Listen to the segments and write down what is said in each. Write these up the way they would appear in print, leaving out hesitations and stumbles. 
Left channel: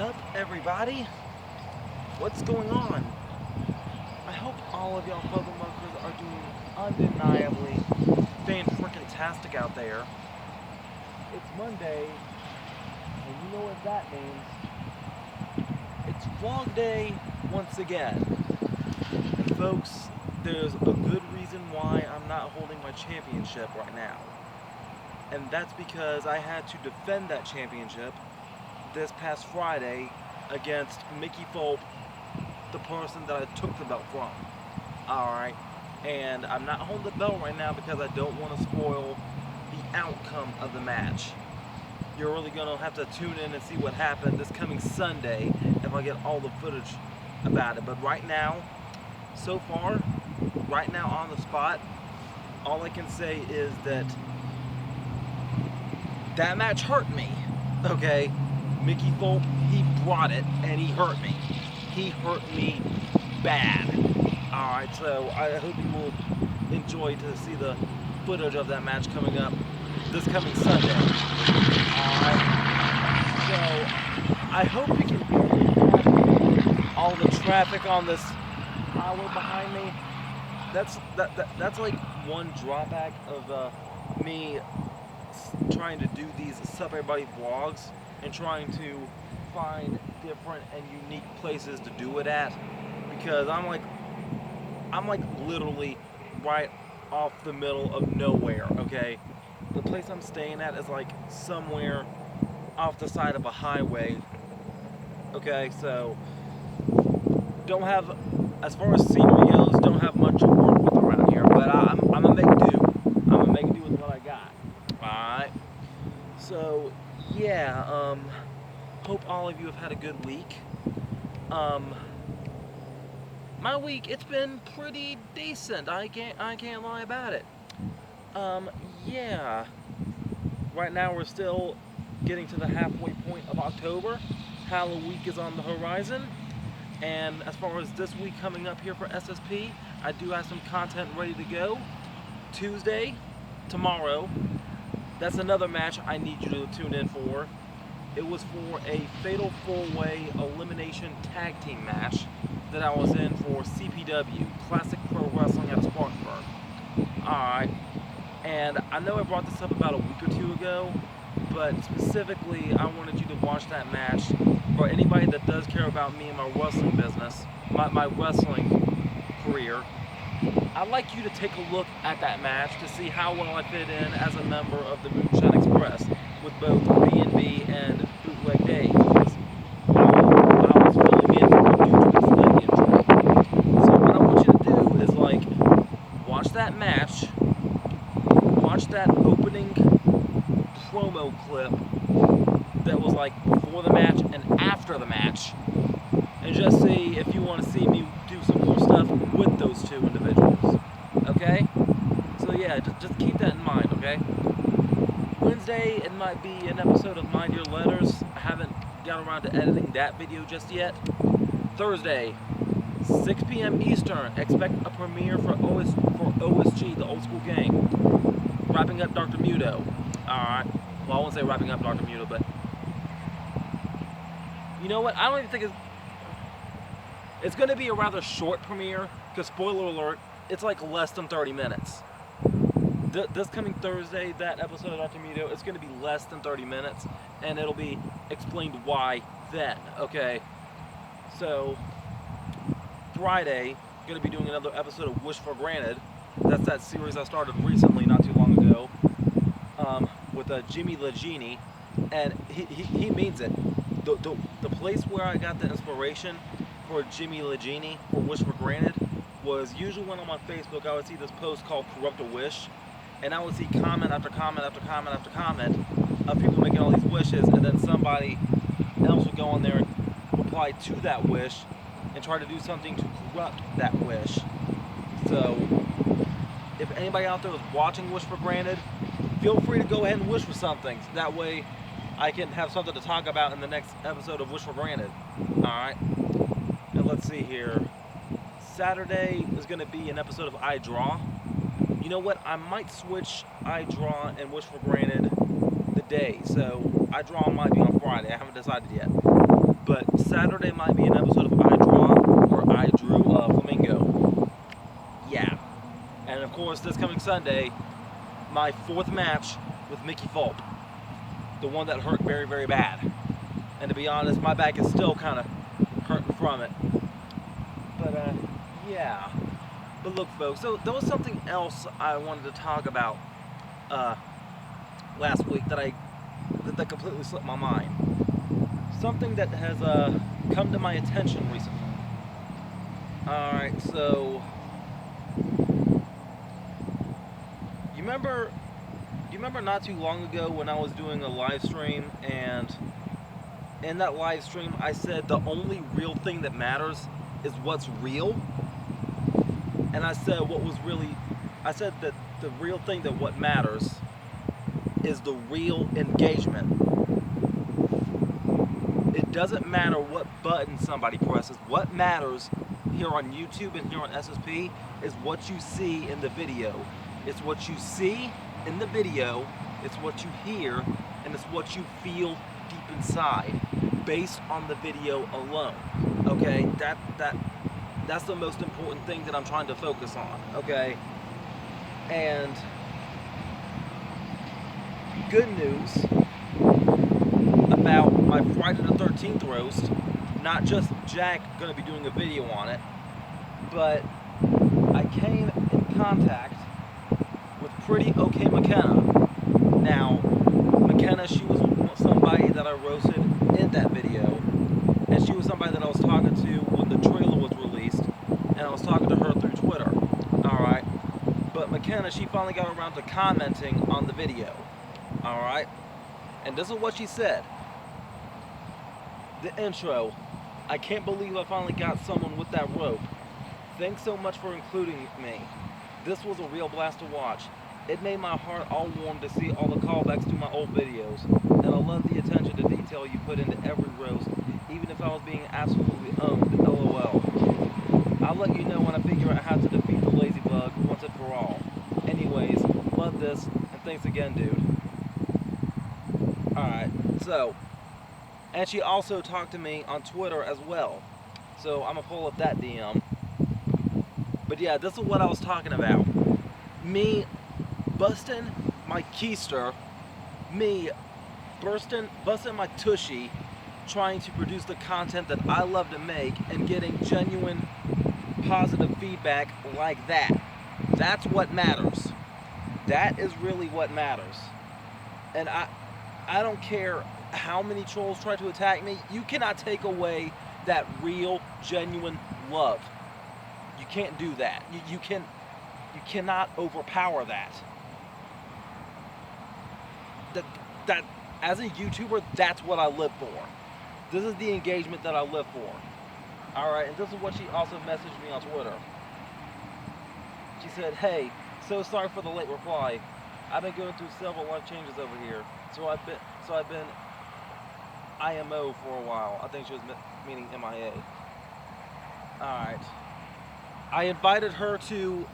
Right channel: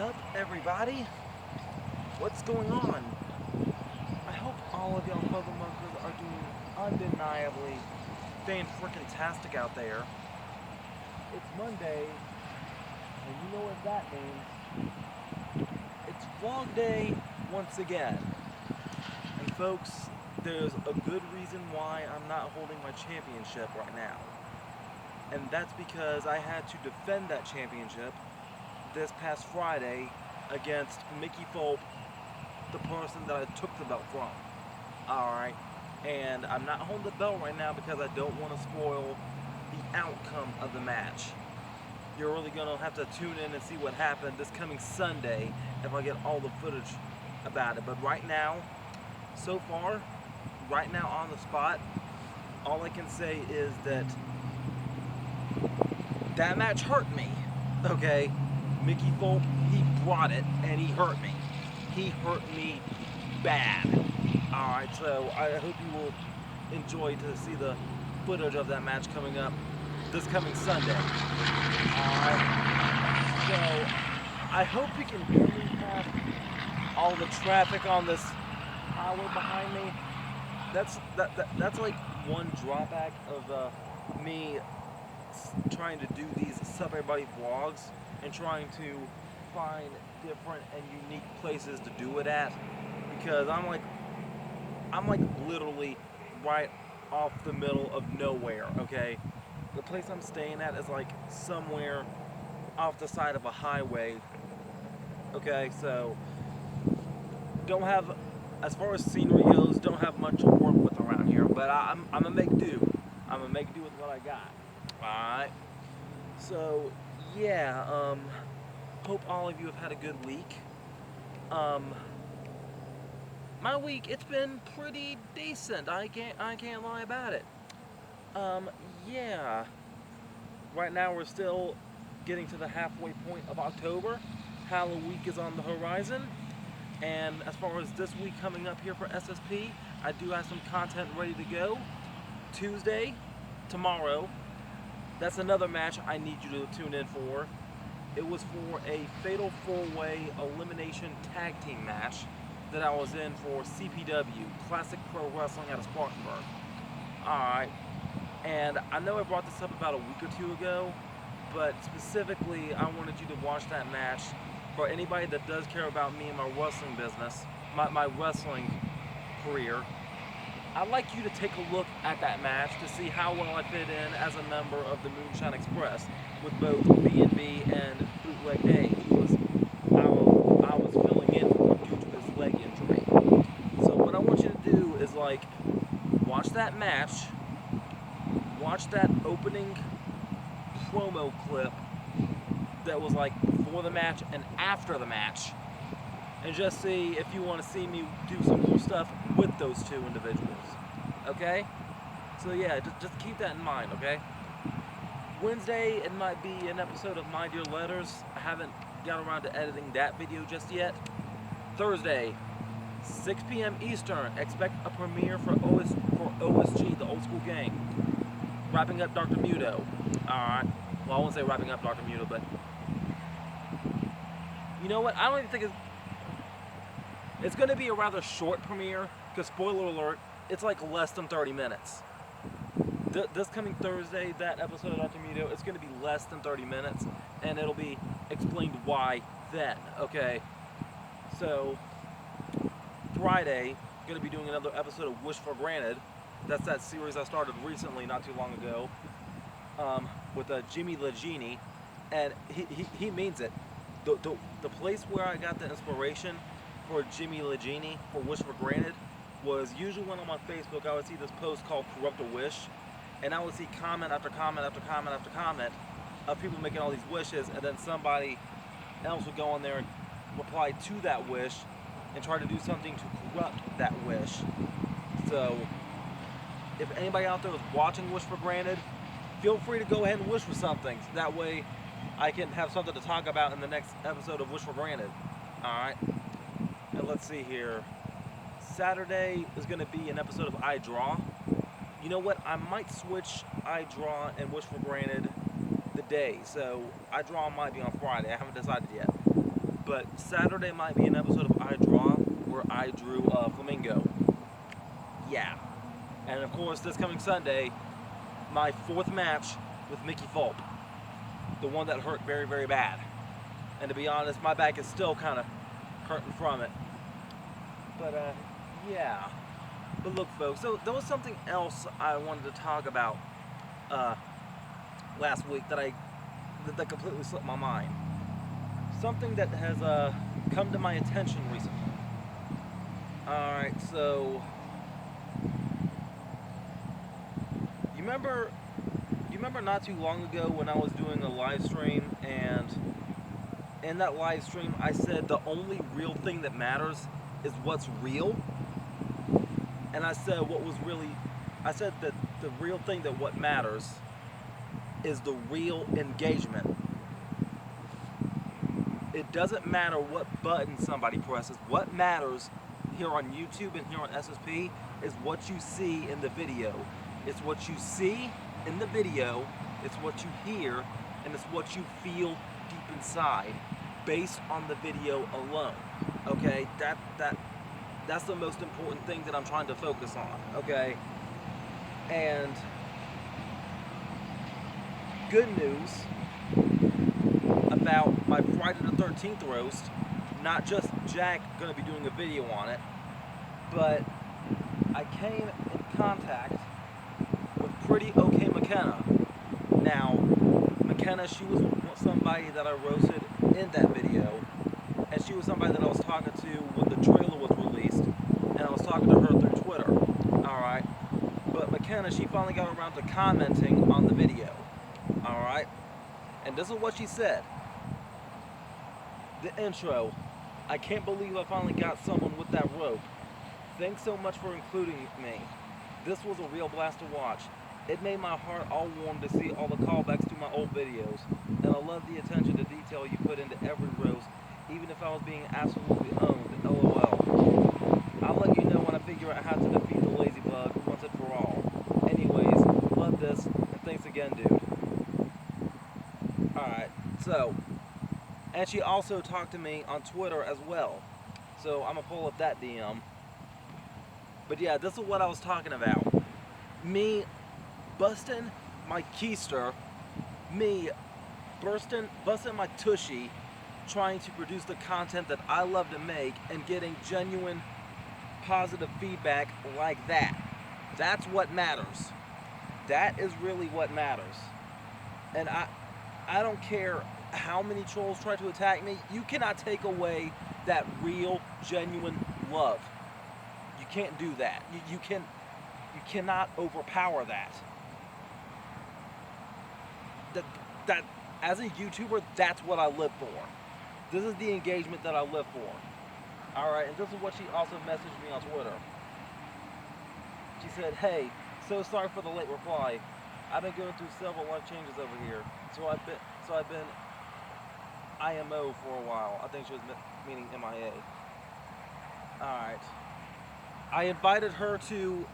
up, everybody? What's going on? I hope all of y'all puzzle markers are doing undeniably fan-frickin-tastic out there. It's Monday, and you know what that means. It's vlog day once again. And folks, there's a good reason why I'm not holding my championship right now. And that's because I had to defend that championship this past Friday against Mickey Fulp, the person that I took the belt from. Alright, and I'm not holding the belt right now because I don't want to spoil the outcome of the match. You're really going to have to tune in and see what happened this coming Sunday if I get all the footage about it. But right now, so far, right now on the spot, all I can say is that that match hurt me, okay? Mickey Fulp, he brought it, and he hurt me. He hurt me bad. Alright, so I hope you will enjoy to see the footage of that match coming up this coming Sunday. Alright, so I hope you can hear all the traffic on this highway behind me. That's like one drawback of me trying to do these Sup Everybody vlogs and trying to find different and unique places to do it at, because I'm like literally right off the middle of nowhere, okay? The place I'm staying at is like somewhere off the side of a highway, okay? So don't have, as far as scenery goes, don't have much to work with around here, but I'm gonna make do. I'm gonna make do with what I got. Alright, so yeah, hope all of you have had a good week. My week, it's been pretty decent. I can't lie about it. Yeah. Right now we're still getting to the halfway point of October. Halloween week is on the horizon. And as far as this week coming up here for SSP, I do have some content ready to go. Tuesday, tomorrow, that's another match I need you to tune in for. It was for a Fatal 4-Way Elimination Tag Team match that I was in for CPW, Classic Pro Wrestling out of Spartanburg. Alright, and I know I brought this up about a week or two ago, but specifically I wanted you to watch that match. For anybody that does care about me and my wrestling business, my wrestling career, I'd like you to take a look at that match to see how well I fit in as a member of the Moonshine Express with both B&B and Bootleg Dave, because I was filling in due to this leg injury. So what I want you to do is, like, watch that match, watch that opening promo clip that was like before the match and after the match, and just see if you want to see me do some more stuff with those two individuals, okay? So yeah, just keep that in mind, okay? Wednesday, it might be an episode of Mind Your Letters. I haven't got around to editing that video just yet. Thursday, 6 p.m. Eastern, expect a premiere for OSG, the Old School Gang. Wrapping up Dr. Muto. Alright, well, I won't say wrapping up Dr. Muto, but you know what? I don't even think it's going to be a rather short premiere, because spoiler alert, it's like less than 30 minutes. This coming Thursday, that episode of Dr. Muto, it's going to be less than 30 minutes, and it'll be explained why then, okay? So, Friday, going to be doing another episode of Wish for Granted. That's that series I started recently, not too long ago, with Jimmy Legini, and he means it. The place where I got the inspiration for Jimmy Legini, for Wish for Granted, was usually when I'm on Facebook, I would see this post called Corrupt a Wish, and I would see comment after comment after comment after comment of people making all these wishes, and then somebody else would go on there and reply to that wish and try to do something to corrupt that wish. So, if anybody out there is watching Wish for Granted, feel free to go ahead and wish for something. That way, I can have something to talk about in the next episode of Wish for Granted. Alright? And let's see here. Saturday is going to be an episode of I Draw. You know what? I might switch I Draw and Wish for Granted the day. So I Draw might be on Friday. I haven't decided yet. But Saturday might be an episode of I Draw, where I drew a flamingo. Yeah. And of course, this coming Sunday, my 4th match with Mickey Fulp. The one that hurt very, very bad. And to be honest, my back is still kind of hurting from it. But, yeah. But look, folks, so there was something else I wanted to talk about last week that completely slipped my mind. Something that has come to my attention recently. Alright, so you remember not too long ago when I was doing a live stream, and in that live stream I said the only real thing that matters is what's real? And I said that the real thing that what matters is the real engagement. It doesn't matter what button somebody presses. What matters here on YouTube and here on SSP is what you see in the video. It's what you see in the video, it's what you hear, and it's what you feel deep inside based on the video alone. Okay? That's the most important thing that I'm trying to focus on. Okay? And good news about my Friday the 13th roast, not just Jack going to be doing a video on it, but I came in contact with Pretty Okay McKenna. Now, McKenna, she was somebody that I roasted in that video, and she was somebody that I was talking to when the trailer was released, and I was talking to her through Twitter. Alright? But McKenna, she finally got around to commenting on the video. Alright? And this is what she said. The intro. I can't believe I finally got someone with that rope. Thanks so much for including me. This was a real blast to watch. It made my heart all warm to see all the callbacks to my old videos. And I love the attention to detail you put into every roast, even if I was being absolutely owned. LOL. I'll let you know when I figure out how to defeat the lazy bug once and for all. Anyways, love this, and thanks again, dude. Alright, so, and she also talked to me on Twitter as well. So I'm gonna pull up that DM. But yeah, this is what I was talking about. Me busting my keister, me busting my tushy, trying to produce the content that I love to make and getting genuine positive feedback like that. That's what matters. That is really what matters. And I don't care how many trolls try to attack me. You cannot take away that real, genuine love. You can't do that. You cannot overpower that. That as a YouTuber, that's what I live for. This is the engagement that I live for. Alright, and this is what she also messaged me on Twitter. She said, "Hey, so sorry for the late reply. I've been going through several life changes over here. So I've been IMO for a while." I think she was meaning MIA. Alright. I invited her to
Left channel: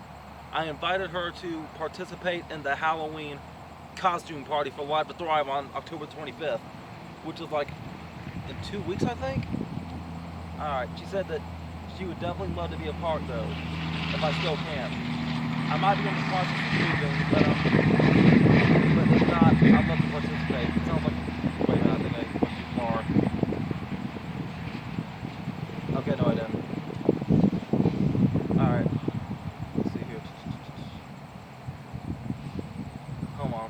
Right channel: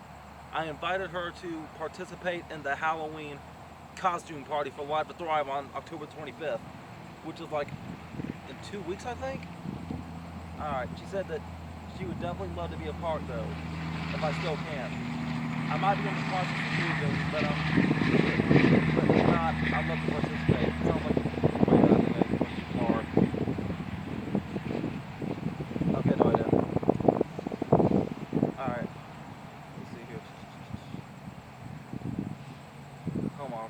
participate in the Halloween costume party for Live to Thrive on October 25th, which is like in 2 weeks, I think. Alright, she said that she would definitely love to be a part though, if I still can. I might be in the process of moving, but if not, I'd love to participate. It sounds like, wait a minute, I think I went too far. Okay, no I didn't. Alright, let's see here. Come on.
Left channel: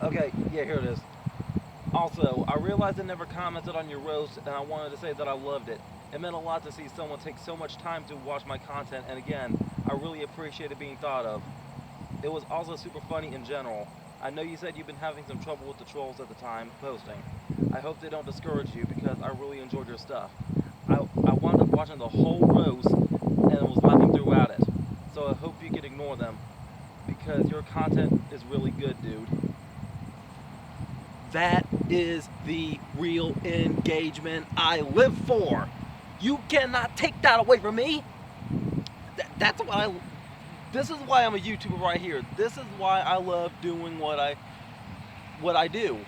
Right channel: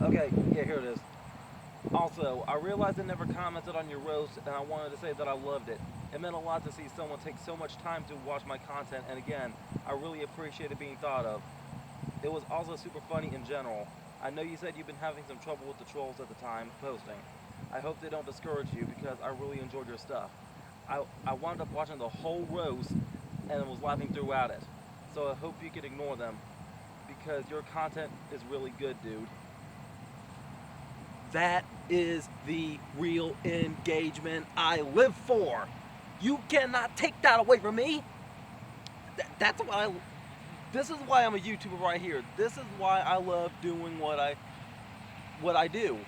Okay, yeah, here it is. Also, I realized I never commented on your roast, and I wanted to say that I loved it. It meant a lot to see someone take so much time to watch my content, and again, I really appreciated being thought of. It was also super funny in general. I know you said you've been having some trouble with the trolls at the time posting. I hope they don't discourage you, because I really enjoyed your stuff. I wound up watching the whole roast, and was laughing throughout it. So I hope you can ignore them, because your content is really good, dude. That is the real engagement I live for. You cannot take that away from me. That's why this is why I'm a YouTuber right here. This is why I love doing what I do.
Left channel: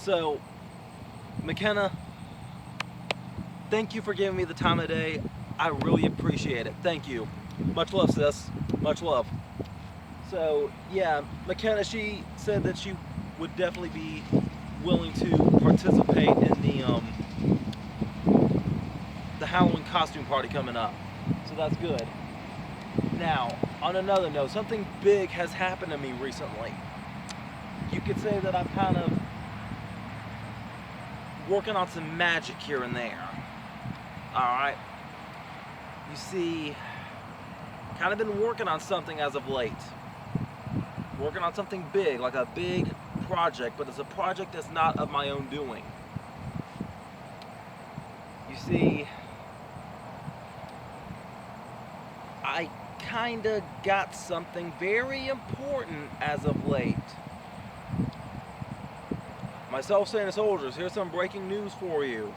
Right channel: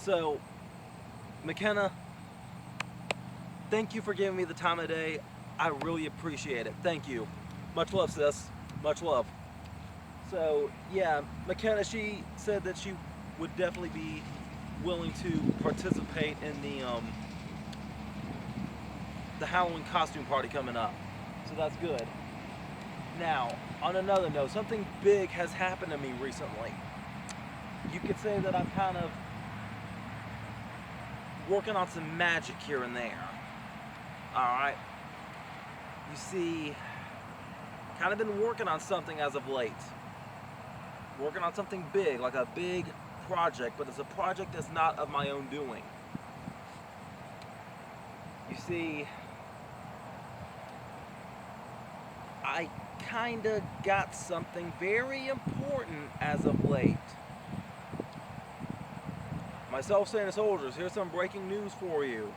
So, McKenna, thank you for giving me the time of day. I really appreciate it. Thank you. Much love, sis. Much love. So, yeah, McKenna, she said that she would definitely be willing to participate in the Halloween costume party coming up. So that's good. Now, on another note, something big has happened to me recently. You could say that I'm kind of working on some magic here and there. Alright? You see, kind of been working on something as of late. Working on something big, like a big project, but it's a project that's not of my own doing. You see, I kinda got something very important as of late. My self-standard soldiers, here's some breaking news for you.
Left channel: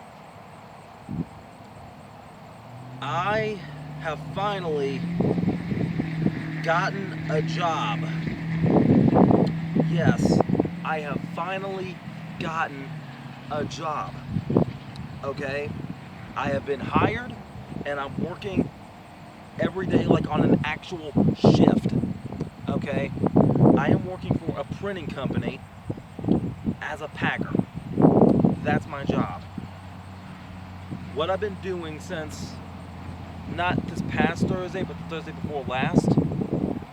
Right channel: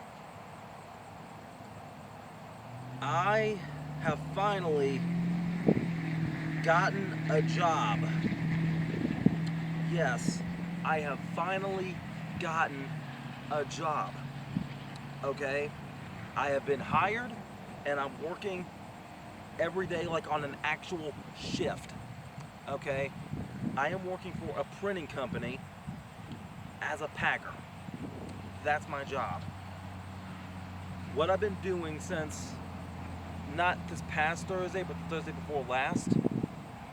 I have finally gotten a job. Yes, I have finally gotten a job. Okay? I have been hired and I'm working every day like on an actual shift. Okay? I am working for a printing company as a packer. That's my job. What I've been doing since not this past Thursday, but the Thursday before last,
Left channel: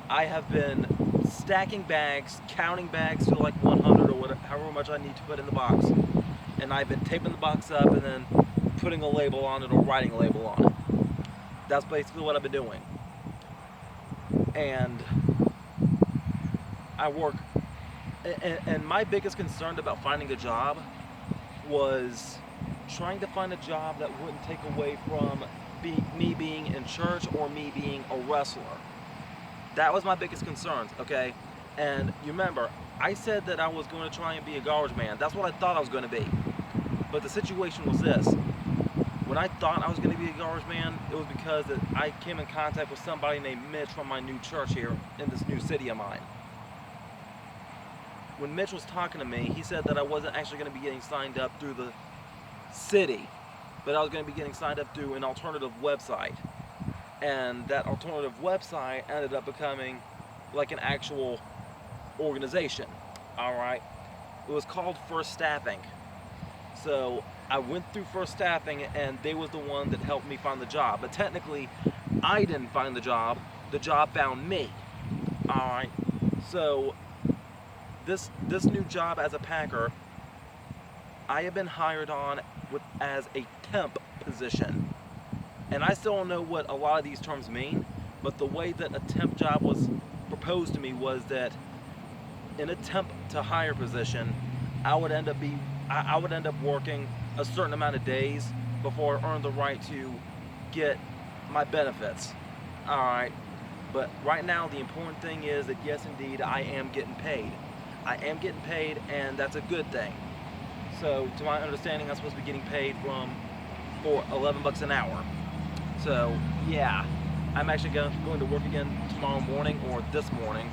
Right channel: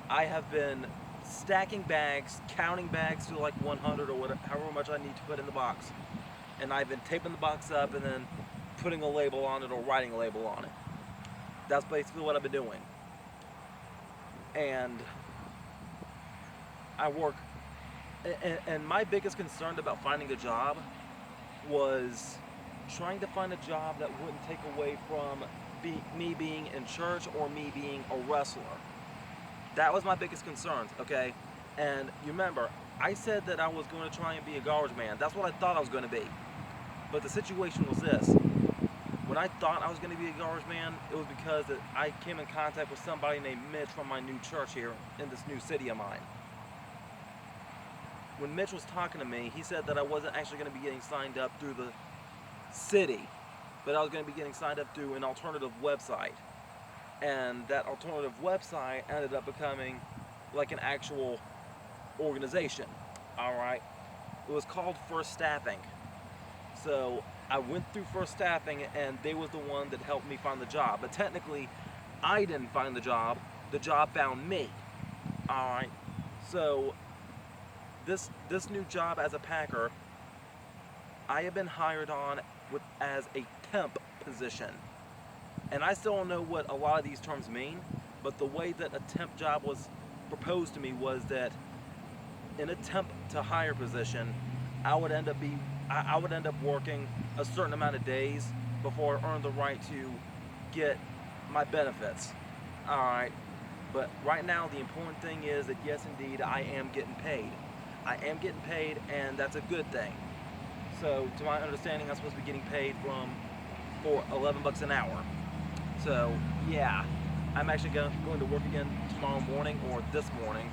I have been stacking bags, counting bags to like 100 or whatever, however much I need to put in the box. And I've been taping the box up and then putting a label on it or writing a label on it. That's basically what I've been doing. And I work, and my biggest concern about finding a job was trying to find a job that wouldn't take away from me being in church or me being a wrestler. That was my biggest concern, okay? And you remember, I said that I was going to try and be a garbage man. That's what I thought I was going to be. But the situation was this. When I thought I was going to be a garbage man, it was because that I came in contact with somebody named Mitch from my new church here in this new city of mine. When Mitch was talking to me, he said that I wasn't actually going to be getting signed up through the city, but I was going to be getting signed up through an alternative website. And that alternative website ended up becoming like an actual organization. Alright? It was called First Staffing. So I went through First Staffing and they was the one that helped me find the job. But technically, I didn't find the job found me. Alright? So this new job as a packer, I have been hired on as a temp position. And I still don't know what a lot of these terms mean, but the way that a temp job was proposed to me was that in a temp to hire position, I would end up working a certain amount of days before I earned the right to get my benefits. Alright, but right now the important thing is that yes indeed I am getting paid. I am getting paid and that's a good thing. So to my understanding I'm supposed to be getting paid for $11 an hour. So yeah, I'm actually going to work again tomorrow morning or this morning.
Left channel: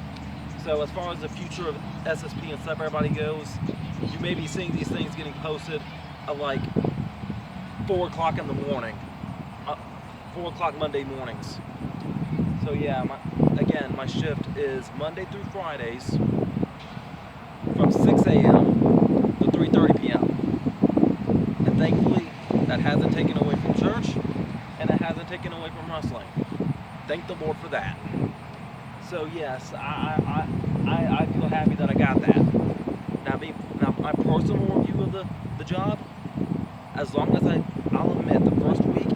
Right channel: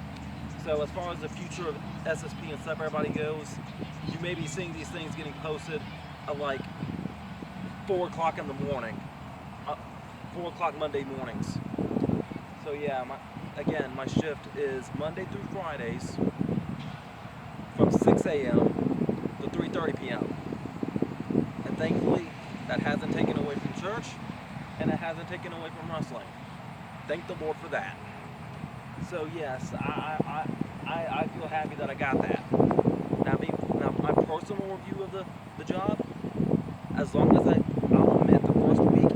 So as far as the future of SSP and stuff everybody goes, you may be seeing these things getting posted at like 4 o'clock in the morning, 4 o'clock Monday mornings. So yeah, my shift is Monday through Fridays from 6 a.m. to 3:30 p.m. And thankfully, that hasn't taken away from church, and it hasn't taken away from wrestling. Thank the Lord for that. So yes, I feel happy that I got that. Now my personal review of the job, as long as I'll admit the first week,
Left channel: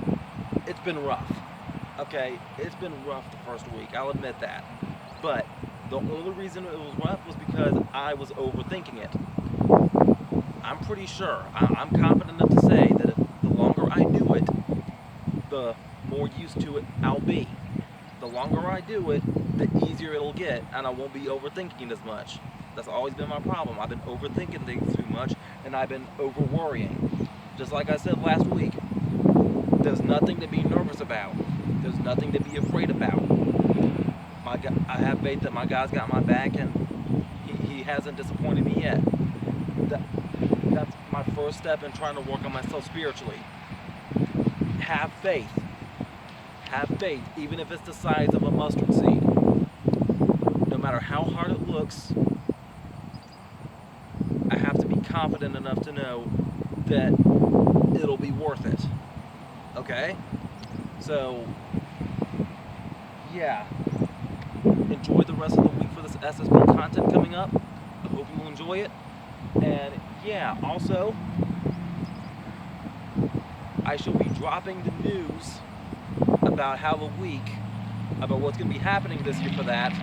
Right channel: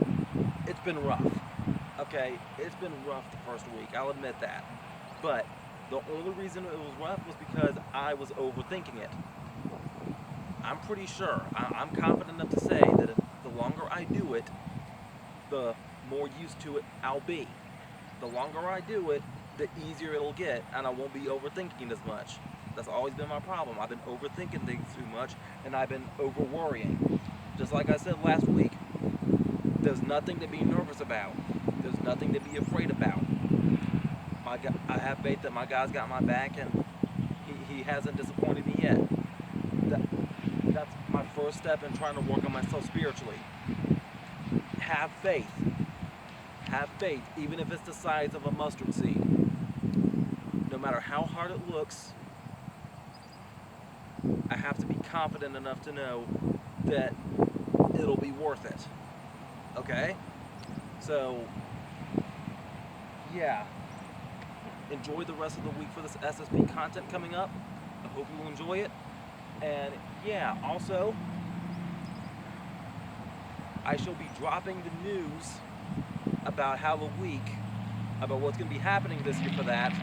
it's been rough. Okay, it's been rough the first week, I'll admit that. But the only reason it was rough was because I was overthinking it. I'm pretty sure, I'm confident enough to say that the longer I do it, the more used to it I'll be. The longer I do it, the easier it'll get, and I won't be overthinking as much. That's always been my problem. I've been overthinking things too much, and I've been over-worrying. Just like I said last week, there's nothing to be nervous about. There's nothing to be afraid about. I have faith that my guy's got my back, and he hasn't disappointed me yet. my first step in trying to work on myself spiritually. Have faith. Have faith, even if it's the size of a mustard seed. No matter how hard it looks, I have to be confident enough to know that it'll be worth it. Okay? So, yeah. Enjoy the rest of the week for this SSP content coming up. I hope you will enjoy it. And yeah, also, I shall be dropping the news about about what's going to be happening this year for that,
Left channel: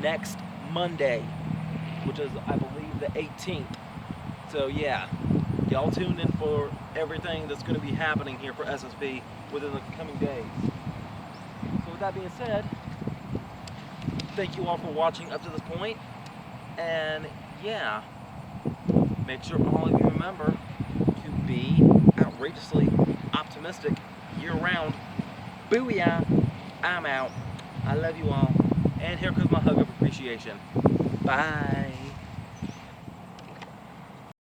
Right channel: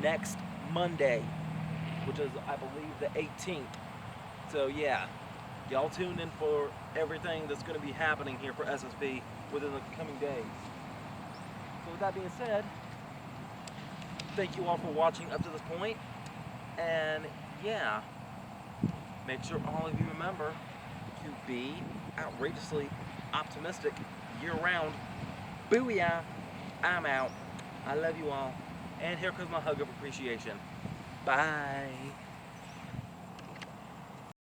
next Monday, which is, I believe, the 18th. So yeah, y'all tune in for everything that's going to be happening here for SSP within the coming days. So with that being said, thank you all for watching up to this point, and yeah, make sure all of you remember to be outrageously optimistic year-round. Booyah! I'm out. I love you all. And here comes my hug of appreciation. Bye.